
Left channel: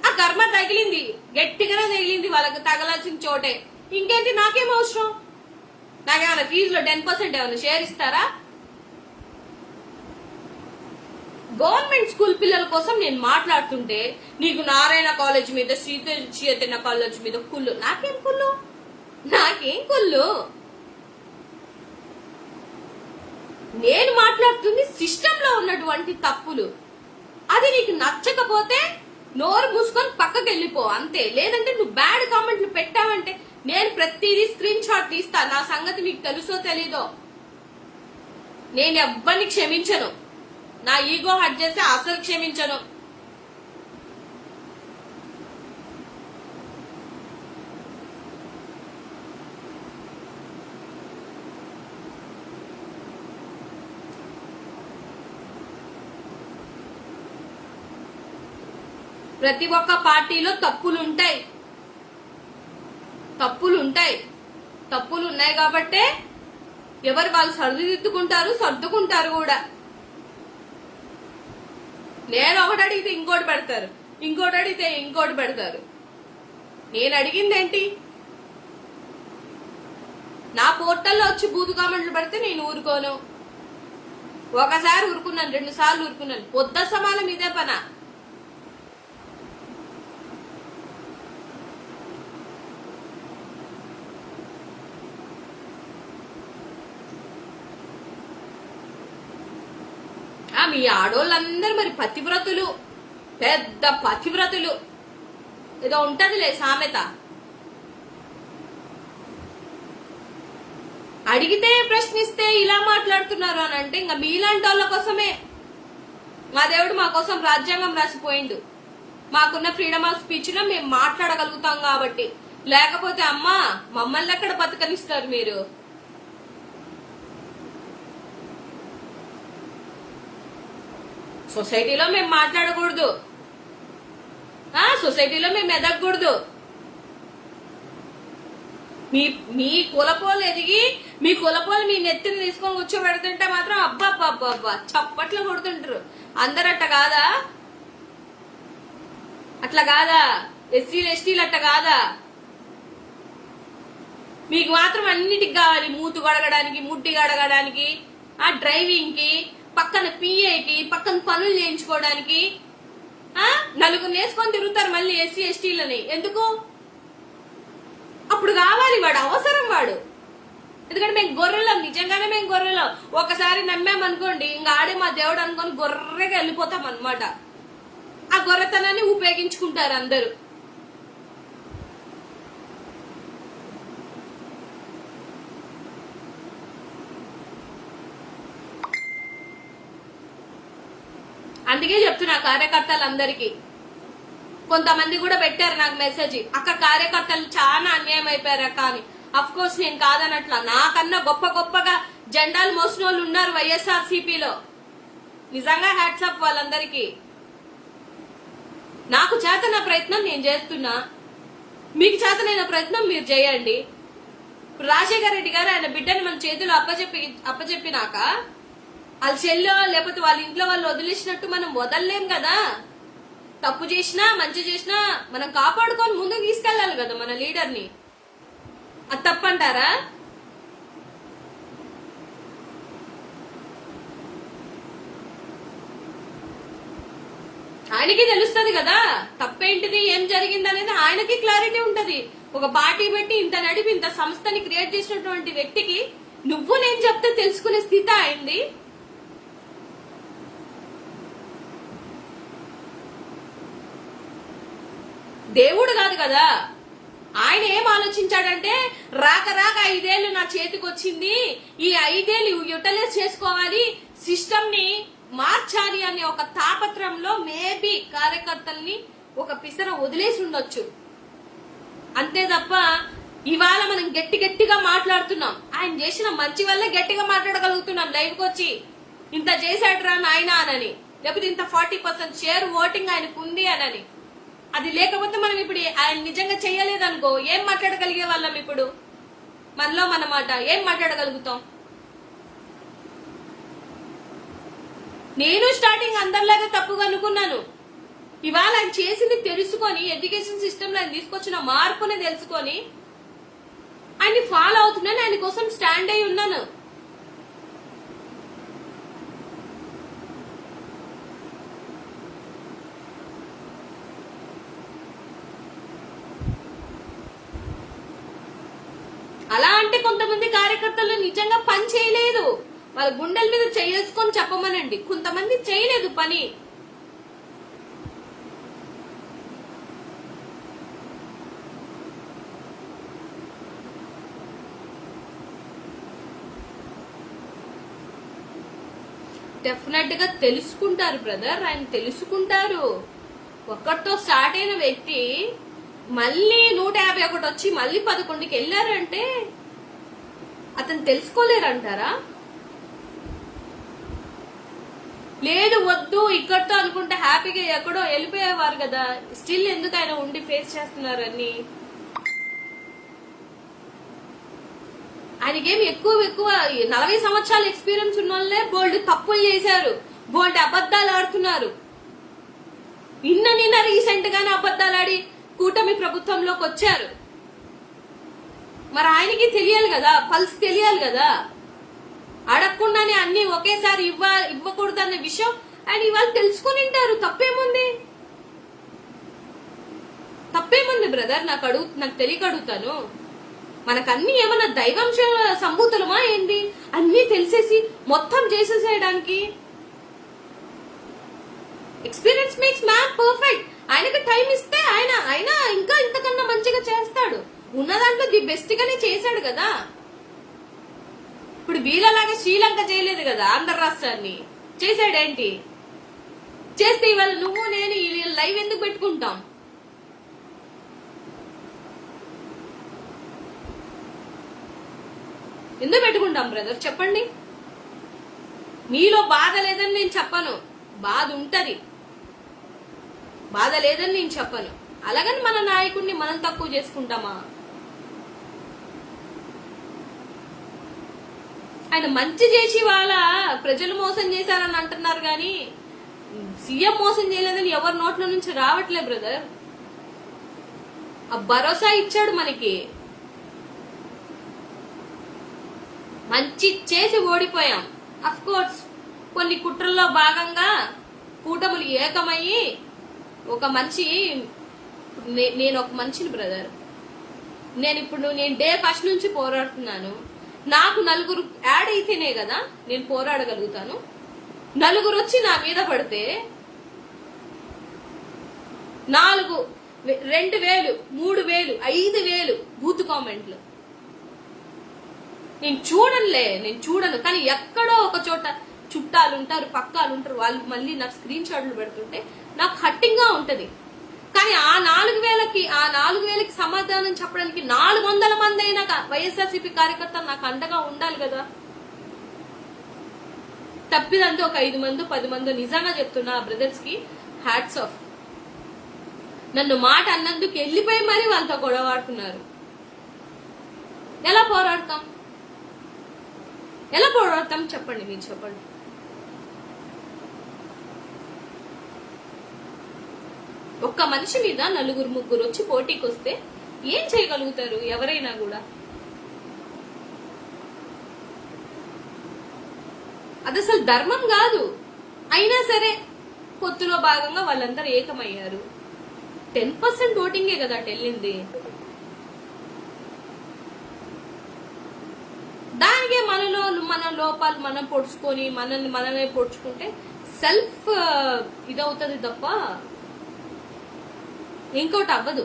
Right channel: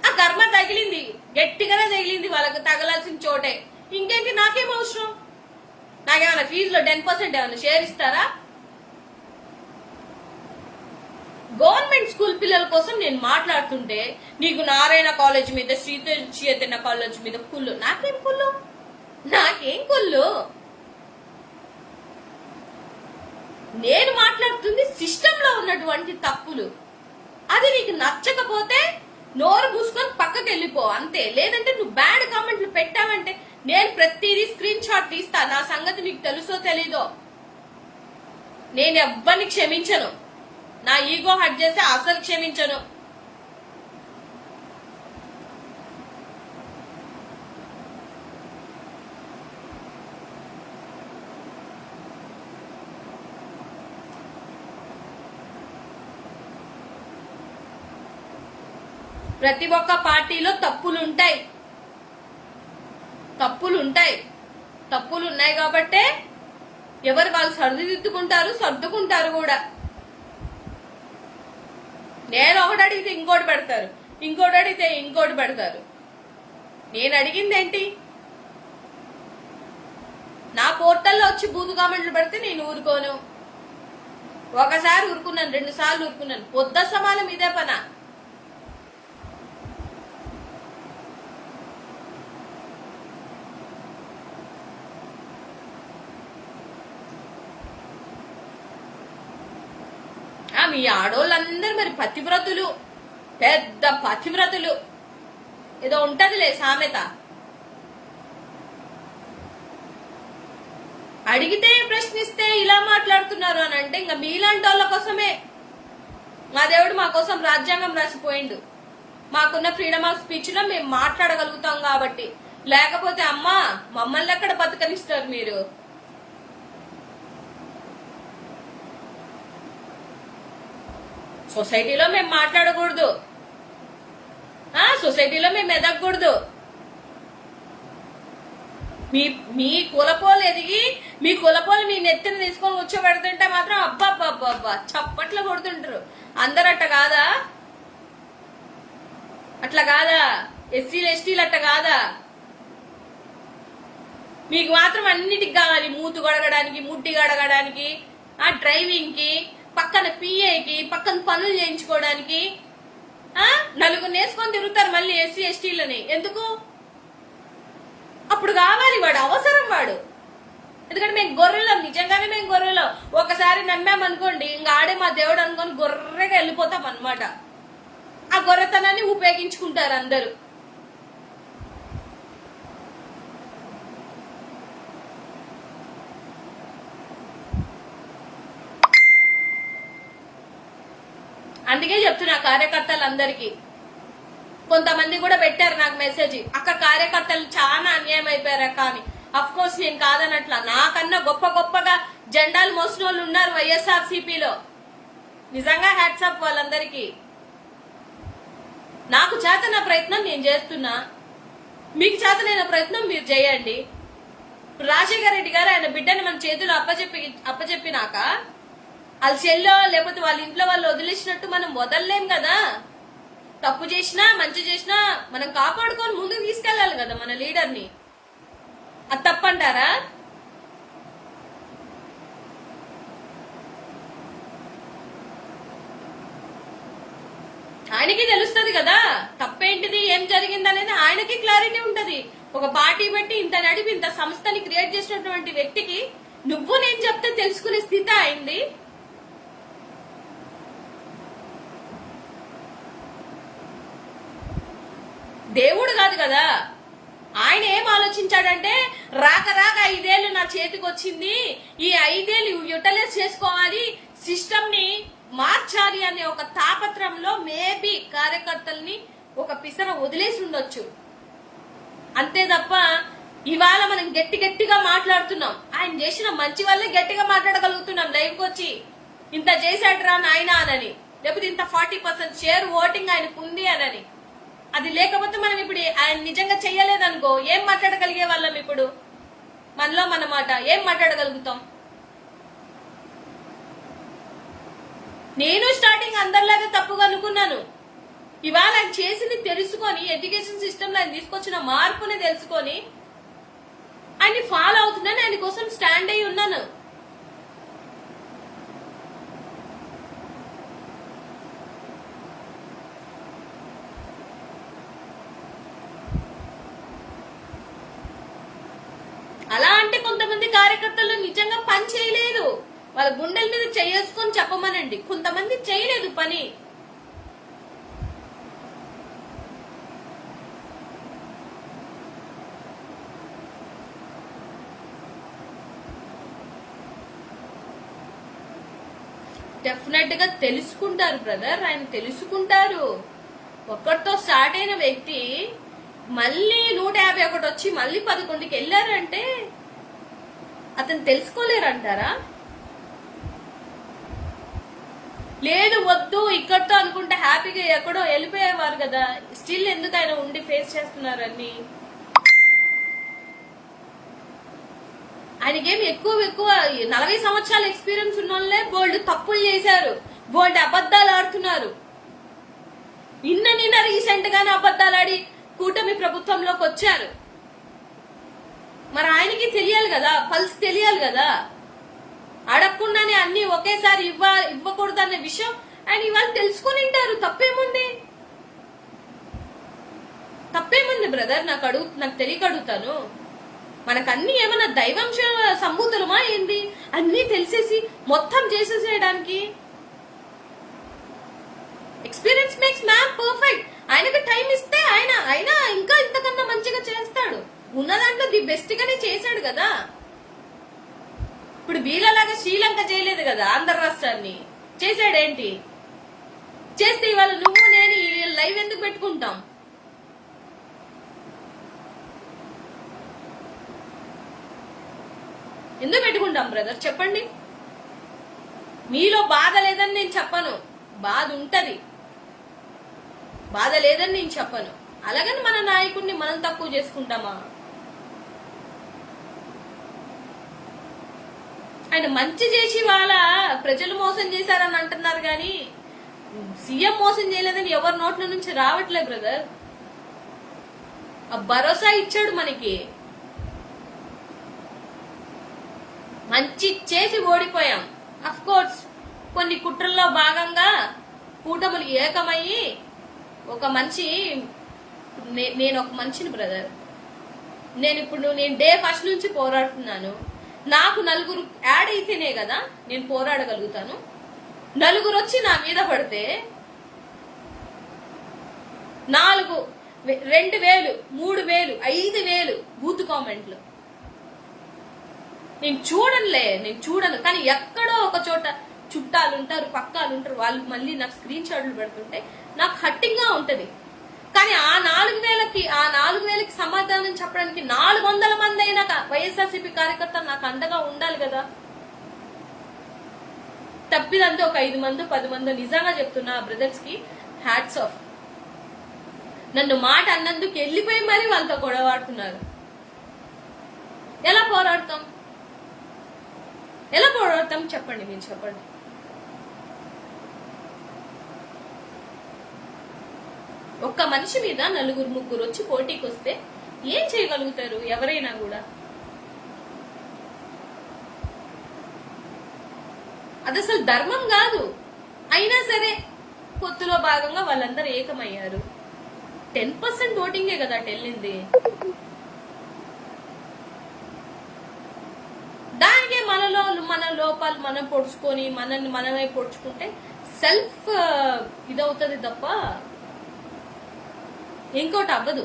ఆ కర్మ తగిలింది, గట్టిగానే తగిలింది. వాళ్ళకి తగలాల్సిన చోటే. ఇంకేంటి? నాకేం అవసరం? నాకేమన్నా ఫీజులో 10% ఏమన్నా షేర్ ఇస్తారా? గవర్నమెంట్ స్కూల్ పిల్లల కోసం నేను మాట్లాడుతుంటే నీకు నారాయణ కాలేజ్ మీద, శ్రీ చైతన్య కాలేజ్ మీద కుళ్ళు. నాకేం కుళ్ళు? నేను మాట్లాడుతుంది సిస్టమ్ లో ఉన్నటువంటి తప్పులు. అది నీకు నచ్చకపోతే నోరు మూసుకొని పక్కకి వెళ్ళిపో అంతే. లేదంటే నువ్వు బ్యాడ్ కామెంట్లు పెట్టావంటే నేను ప్రతిదీ స్క్రీన్ షాట్ తీస్తా. నా సంగతి నీకు తెలుసో తెలీదో. నేను ఎవ్వరిని క్షమించను. నా ఈగో హట్ చేస్తే అసలు క్షమించను. ప్రతి ఒక్క పార్టీలో తప్పులుంటాయి. తప్పులు ఉన్నాయి కాబట్టే ఎవరు వాళ్ళు సర్దుకుంటారు కూడా. నేను ఒకటి అడిగితే ఇంకోటి పెడతారు, ఇంకోటి అడిగితే ఇంకోటి పెడతారు. నేను అడిగింది ఏంటి? నా పోర్టల్లో వచ్చి బూతు కామెంట్లు పెడితే నేను ఊరుకోను. ఒకసారి ఊరుకున్నాను, 2 సార్లు ఊరుకున్నాను. పొద్దు సమానం ఇదే పనా. మీ ఆడోళ్ళందరూ మరి పతివ్రతులు, పెద్ద పతివ్రతులు. ఏదో ఉంటదిలే సామెత. అడిగితే ప్రశ్నిస్తే ఇలా మాట్లాడుతున్నారు అని అంటే ఇంకా మీలాంటి వాళ్ళ కోసమే మా దేవుడు మా కోసం రాజ్యాంగం రాసిపోయిండు. మాకున్న ఫ్రీడమ్ ఆఫ్ స్పీచ్ లో మేము మాట్లాడగలుగుతాం కాబట్టి. లేకపోతే అమ్మా మమ్మల్ని ఎక్కడ బతకనిస్తారు మీరు? సొసైటీలో మేము మాట్లాడకూడదు, సొసైటీలో మేము ఎదగకూడదు. మీ కులపోలు ఎదిగి మీ కులపోలు మీ నెత్తిని తీసుకొని కూర్చోబెడుతుంటే మాత్రం అబ్బా చప్పట్లు కొడుతుంటారు. అందరట్ట కాదా? అట్లా కాదా? ఎస్సీలు ఎస్టీలు అట్లా కాదా? మీకు మాత్రం అన్నిటికి కావాలి, మూతు గడగడానికి, ముడ్డి గడగడానికి, ఆ డ్రైవింగ్ కి, పక్కన పిఏకి, పక్కన పనులు చేయించుకోవడానికి నలుగురు నేసుకొని తిరుగుతారు మళ్ళీ ఎస్సీ ఎస్టీలని. ఎందుకు? అప్పుడు కావాలి, వాడు అవసరం వాడు. ఎందుకంటే మేము గొర్రెలం, నిజంగానే మేము గొర్రెలం. ఒకసారి నమ్మామనుకోండి, ఇంకా ఆడే మా దేవుడు అనుకొని గొర్రెగా వెళ్ళిపోతాం అనమాట. ఆ గొర్రెతనాన్ని ఉపయోగించుకుంటారు అందరూ. అందుకే చెప్తున్నా కార్యకర్తలందరికీ. కొంతమంది కూడా పెట్టారు నాకు మెసేజ్, అక్క కార్యకర్తలు చాలా అన్యాయం అయిపోయారు అక్క అని. అఫ్ కోర్స్ నేను కాదనట్లా, నాకన్నా గొప్ప గొప్పగా జెండాలు మోసిన వాళ్ళు ఉన్నారు వైఎస్ఆర్ సిపిలో. నిజంగా హ్యాట్సాప్ వాళ్ళందరికీ. నాకు చేతన ప్రయత్నం నేను చేస్తున్నా, మీకు చేతనైన ప్రయత్నం మీరు చేయండి. ఇప్పుడు రాజశేఖర రెడ్డి గారు ఆయన బిడ్డని మన చేతులు అప్పచెప్పినాక వాళ్ళ చెల్లో లేకపోతే వాళ్ళ ఇంట్లో వాళ్ళు వదిలేసినట్టు మనం వదలలేం కదా. తప్పు చేసినా మంచి చేసినా మనం కాపాడుకొని ముందుకు తీసుకెళ్లాలి కదా మన లీడర్ని. అది తప్పంటారా? ఆయనకి తెలుస్తుంది కదా తప్పేంటిది, ఏం జరిగింది అనేది ఆయనకి క్లారిటీ ఉంటది. ఒక పార్టీ పెట్టి ఇంత నడిపి ఇంత సంస్థని క్రియేట్ చేసినటువంటి వ్యక్తికి నువ్వు నేను చెప్తే తెలుసుకునే స్థితి అయింది. దేవుడు కాదు కదా. ఆయన ఏం ఆలోచించాడంటే రాక 5 ఏళ్లు నా చేతికి వచ్చింది, ఈ 5 ఏళ్లు యూటిలైజ్ చేసుకోవాలి, సిస్టమ్ ని మార్చాలి అనే ఒక తాపత్రంలో మేబీ కార్యకర్తల్ని ఒక పిసర వదిలేసి ఉండొచ్చు. అంతే తప్ప ఇవాళ మనం గట్టిగా మాట్లాడుతున్నాం. ఆయన చేసిన మంచి వల్లే గట్టిగా మాట్లాడగలుగుతున్నాం లైవ్కి వచ్చి. ఇంత చేశాడరా నాయన అనని, లేకపోతే ఇంత 40% షేర్ ఓటింగ్ ఆయనకు ఉంది అనని. అది లేకపోతే మనం ఇప్పుడు ఆయన నిజంగా చెయ్యలేదనుకో ఏం మాట్లాడగలిగే వాళ్ళం? ఇప్పుడు మనలో మన మాట ఏం మాట్లాడగలుగుతాం? నేను స్టార్టింగ్ అందరిలాగా తప్పుగా అనుకున్నాను. ఇవాళ ఆయన చేసింది తెలుసుకొని, ఎడ్యుకేషన్ సిస్టమ్ లో ఆయన తీసుకొచ్చిన మార్పుని తెలుసుకొని ఆయన్ని ఫాలో అవుతున్నాను, ఆయన కోసం స్టాండ్ అయి ఉన్నాను. అలా అంటే కొంతమంది కార్యకర్తలు నిజంగా పని చేయలేదు, వాళ్ళ గుండెల మీద చేసుకొని చెప్పమనండి. కొంతమంది చేయలేదు పని. డెఫినెట్ గా తెలుసుకుంటారు బ్రదర్, ఆయన తెలుసుకుంటారు. ఒక్కటితో స్టార్ట్ అయిన వ్యక్తి మళ్ళీ 151 వచ్చి మళ్ళీ 11కి వెళ్ళారంటే అతను తెలుసుకోలేరంటారా? లేదు వద్దు ఇక్కడితో అనుకుంటే హ్యాపీగా ఎక్కడో వెళ్ళిపోయేవారు కదా. స్టిల్ ఎందుకు ఆయన ఉండి ఫేస్ చేస్తున్నారని. ఆయనకేమి ఎక్కువ 40 సంవత్సరాల ఎక్స్పీరియన్స్ ఉన్న వాళ్ళే బోల్డ్ తప్పులు చేశారు, బోల్డ్ అబద్దాలు ఆడుతున్నారు. నిన్న రీసెంట్ గానే అబద్దాలు ఆడి కూటమి ప్రభుత్వంలోకి వచ్చారు. మరి ఆయనకి తెలియాలి కదా, పల్స్ తెలియాలి కదా. అడగకుండానే అన్ని ఒకేసారి ఇవ్వకూడదు అనే విషయం ఆయన ఇవాళ తెలుసుకుని ఉంటారు. తప్పేముంది బ్రదర్? నాకు తెలియక అడుగుతాను. మనకన్నీ ఏమన్నా దైవంశ సంభూతులమా ఏంది? అన్ని తెలిసేసి మొత్తం చేసేసేయడానికి. Experience makes man perfect. ఆయనకి టైం ఇస్తే ఆయన ఇంకా ఇంతకన్నా మంచిగా చేస్తాడు. ఉన్న దాంట్లో ది బెస్ట్ గానే చేశాడు కదా. ఇప్పుడు వీళ్ళలాగా శ్రీలంక చేయలేదు కదా, ఆంధ్ర రాష్ట్రాన్ని చేశాడేంటి? చేస్తే ఇవాళ నువ్వు నేను లైవ్ ఎందుకు పెట్టుకుంటాం? ఎందుకు పెట్టుకుంటాం బ్రదర్ చెప్పండి? మీలో బాధ లేదని నేను చెప్పను, బాధ ఉంటది. బాధ లేదని నేను చెప్పను. అలాగని మన నాయకుడిని మనం తక్కువ చేసుకుంటామా? ఆయన మంచి చేసి వాళ్ళ ప్రజలు మోసం చేశారని అంటున్నారు గాని సీఎం మోసం చేయలేదని ఎవరి నోట్ల నుంచి రావట్లే బ్రదర్. ఆ భరోసా ఇచ్చాడు మనకి, మంచి చేసి ఓడిపోయాం. అఫ్ కోర్స్ కొన్ని కుట్రల్లో భాగంగా కూటములు ఏకమయ్యి ఒక మనిషి, నేను ఒక మనిషిని బ్రదర్, నేను డే ఫస్ట్ నుంచి పోరాడుతున్నాను. నాకు నలుగురు యాడ్ అయితేనే కదా నేను పోరాడగలుగుతాను. నలుగురు వచ్చి నా మీద పడితే 4,000, 2,000, 3,000, 5,000 బూత్ కామెంట్లు నేను చూడను. కానీ ఎక్కడో ఒక చోట చుట్టాలు ఉంటారు, పక్కాలు ఉంటారు, వాళ్ళు మళ్ళీ నాకు స్క్రీన్ షాట్లు పెడుతుంటే నాకు హట్టింగ్ గా ఉంటది. కానీ ఆ 4,000కి సమాధానం చెప్పడానికి 400 మంది అయినా వైఎస్ఆర్సీపీ కార్యకర్తలు నాకు అండగా ఉండాలి కదా. తప్పిదంతా ఒక 5 మంది 10 మంది. నిజంగా చెప్తున్నా బ్రదర్స్ కి హ్యాట్స్ ఆఫ్. నన్ను మాట అన్నందుకు వెళ్ళిపోయి మరీ వాళ్ళతో గొడవాడుతున్నారు. ఎలా పోరాడతాం చెప్పండి, మీరు చెప్పండి. ఒక్క మనిషి మీద 4, 3 వచ్చి పోటీకి వస్తే ఏం చేయగలుగుతారు ఎవరైనా కూడా? అది అసలు ధర్మం కాదు. అయినా సరే పొత్తులో భాగంగా వాళ్ళందరూ ఏకమయ్యారు. 10% ఓటింగే కదా వెళ్ళింది. దానికే మన లోపాలు మనం పొడుచుకొని మనమే పొడుచుకుంటే సెల్ఫ్ ఇదవుతుంది తప్ప ఇంకోటి అవ్వదు.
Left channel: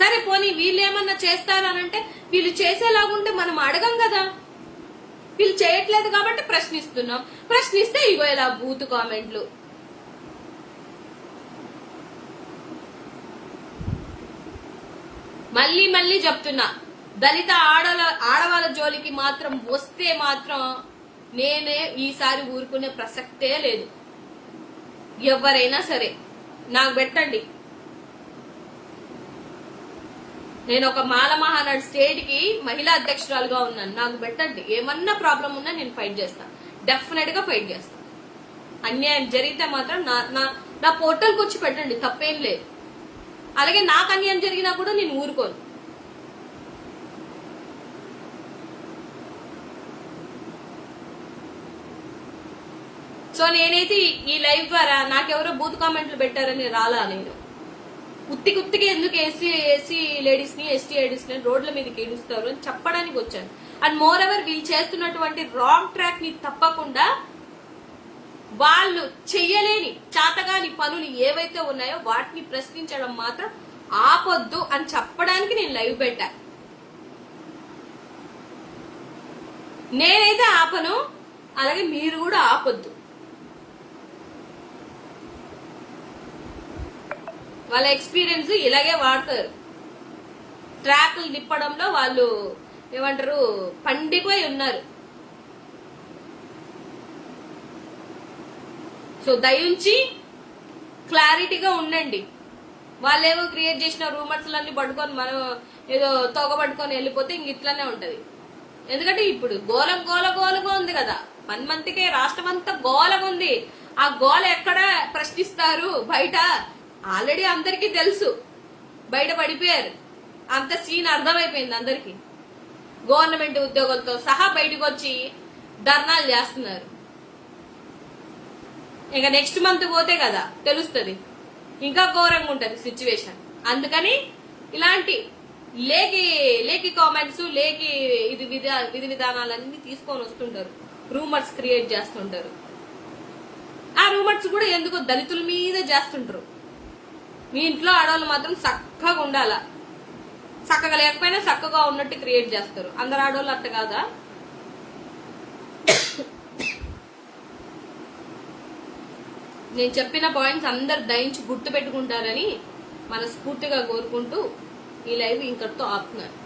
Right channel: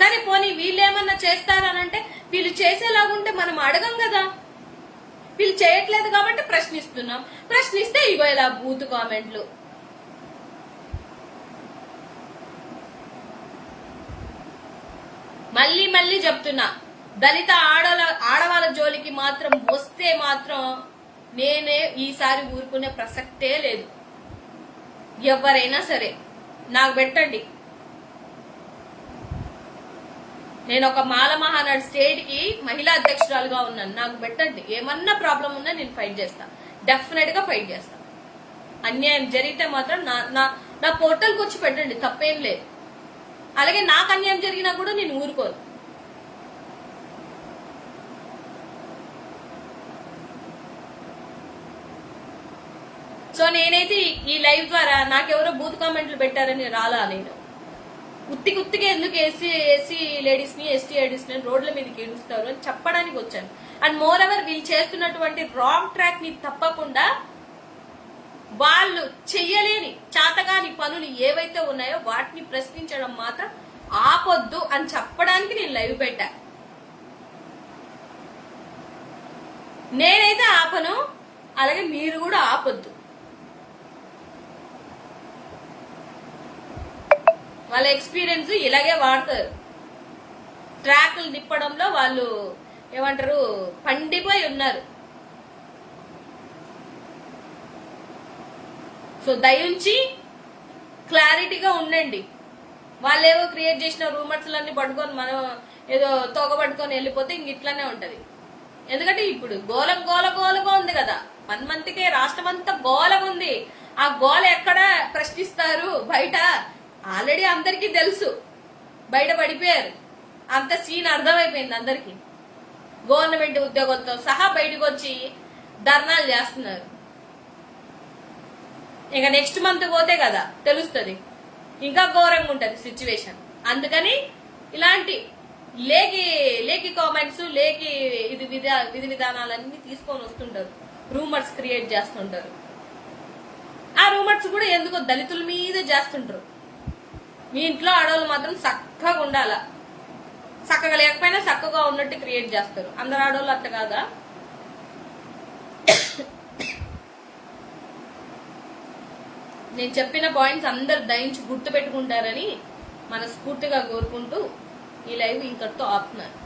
సరే పోనీ వీళ్ళేమన్నా చేస్తారనంటే, వీళ్ళు చేసేలాగుంటే మనం అడగం కదా. వీళ్ళు చేయట్లేదు కాబట్టి ప్రశ్నిస్తున్నాం. ప్రశ్నిస్తే ఇగో ఇలా బూత్ కామెంట్లు. మళ్ళీ చెప్తున్నా, దళిత ఆడవాళ్ళ జోలికి మాత్రం వస్తే మాత్రం నేనే ఈసారి ఊరుకునే ప్రసక్తే లేదు. ఎవరైనా సరే నాకు పెట్టండి. నేను ఒక మాల మహానాడు స్టేట్ కి మహిళా అధ్యక్షురాలుగా ఉన్నాను. నాకు పెట్టండి. ఏమన్నా ప్రాబ్లం ఉన్నా నేను ఫైట్ చేస్తా, డెఫినెట్ గా ఫైట్ చేస్తా. అన్యాయం జరిగితే మాత్రం నా పోర్టల్కి వచ్చి పెట్టండి, తప్పేం లేదు. అలాగే నాకు అన్యాయం జరిగినా కూడా నేను ఊరుకోను. సో నేనైతే ఈ లైవ్ ద్వారా నాకెవరో బూత్ కామెంట్లు పెట్టారని రాలా. నేను ఉత్తికి ఎందుకు ఎస్సీ లేడీస్ ని ఎస్టీ లేడీస్ ని రోడ్ల మీదకి ఏడుస్తారు అని చెప్పడానికి వచ్చాను. అండ్ మోర్ ఎవర్ వీళ్ళు చేస్తున్నటువంటి రాంగ్ ట్రాక్ ని తప్పకుండా వాళ్ళు చెయ్యలేని చాతగాని పనులు ఏవైతే ఉన్నాయో వాటిని ప్రశ్నించడం మాత్రం ఆపొద్దు అని చెప్పడానికి నేను లైవ్ పెట్టా. నేనైతే ఆపను, అలాగే మీరు కూడా ఆపొద్దు. వాళ్ళ ఎక్స్పీరియన్స్ ఇలాగే వాడతారు. ట్రాక్లు తిప్పడంలో వాళ్ళు ఏమంటారు, పండిపోయి ఉన్నారు. సో దయించి క్లారిటీగా ఉండండి. వాళ్ళేవో క్రియేట్ చేసిన రూమర్స్ అన్ని పట్టుకొని మనం ఏదో తోక పట్టుకొని వెళ్ళిపోతే ఇంక ఇట్లానే ఉంటది. ఎందుకంటే ఇప్పుడు గోలగా ఉంది కదా, 1 మంత్కే రాష్ట్రం అంతా గోలగా ఉంది. ఆ గోల ఎక్కడ ప్రశ్నిస్తారు? బయట ఆల్రెడీ అందరికీ తెలుసు, బయట పడిపోయారు. అంత సీన్ అర్థమైపోయింది అందరికి. గవర్నమెంట్ ఉద్యోగులతో సహా బయటకు వచ్చి ధర్నాలు చేస్తున్నారు. ఇక నెక్స్ట్ మంత్ పోతే కదా తెలుస్తుంది, ఇంకా ఘోరంగా ఉంటది సిచ్యువేషన్. అందుకని ఇలాంటి లేకి కామెంట్స్, విధి విధానాలన్నీ తీసుకొని వస్తుంటారు, రూమర్స్ క్రియేట్ చేస్తుంటారు. ఆ రూమర్స్ కూడా ఎందుకో దళితుల మీద చేస్తుంటారు. మీ ఇంట్లో ఆడవాళ్ళు మాత్రం చక్కగా ఉండాలా, చక్కగా లేకపోయినా చక్కగా ఉన్నట్టు క్రియేట్ చేస్తారు. అందరు ఆడవాళ్ళు అట్ట కాదా? నేను చెప్పిన పాయింట్స్ అందరు దయించి గుర్తు పెట్టుకుంటారని మనస్ఫూర్తిగా కోరుకుంటూ ఈ లైవ్ ఇంతటితో ఆపుతున్నాను.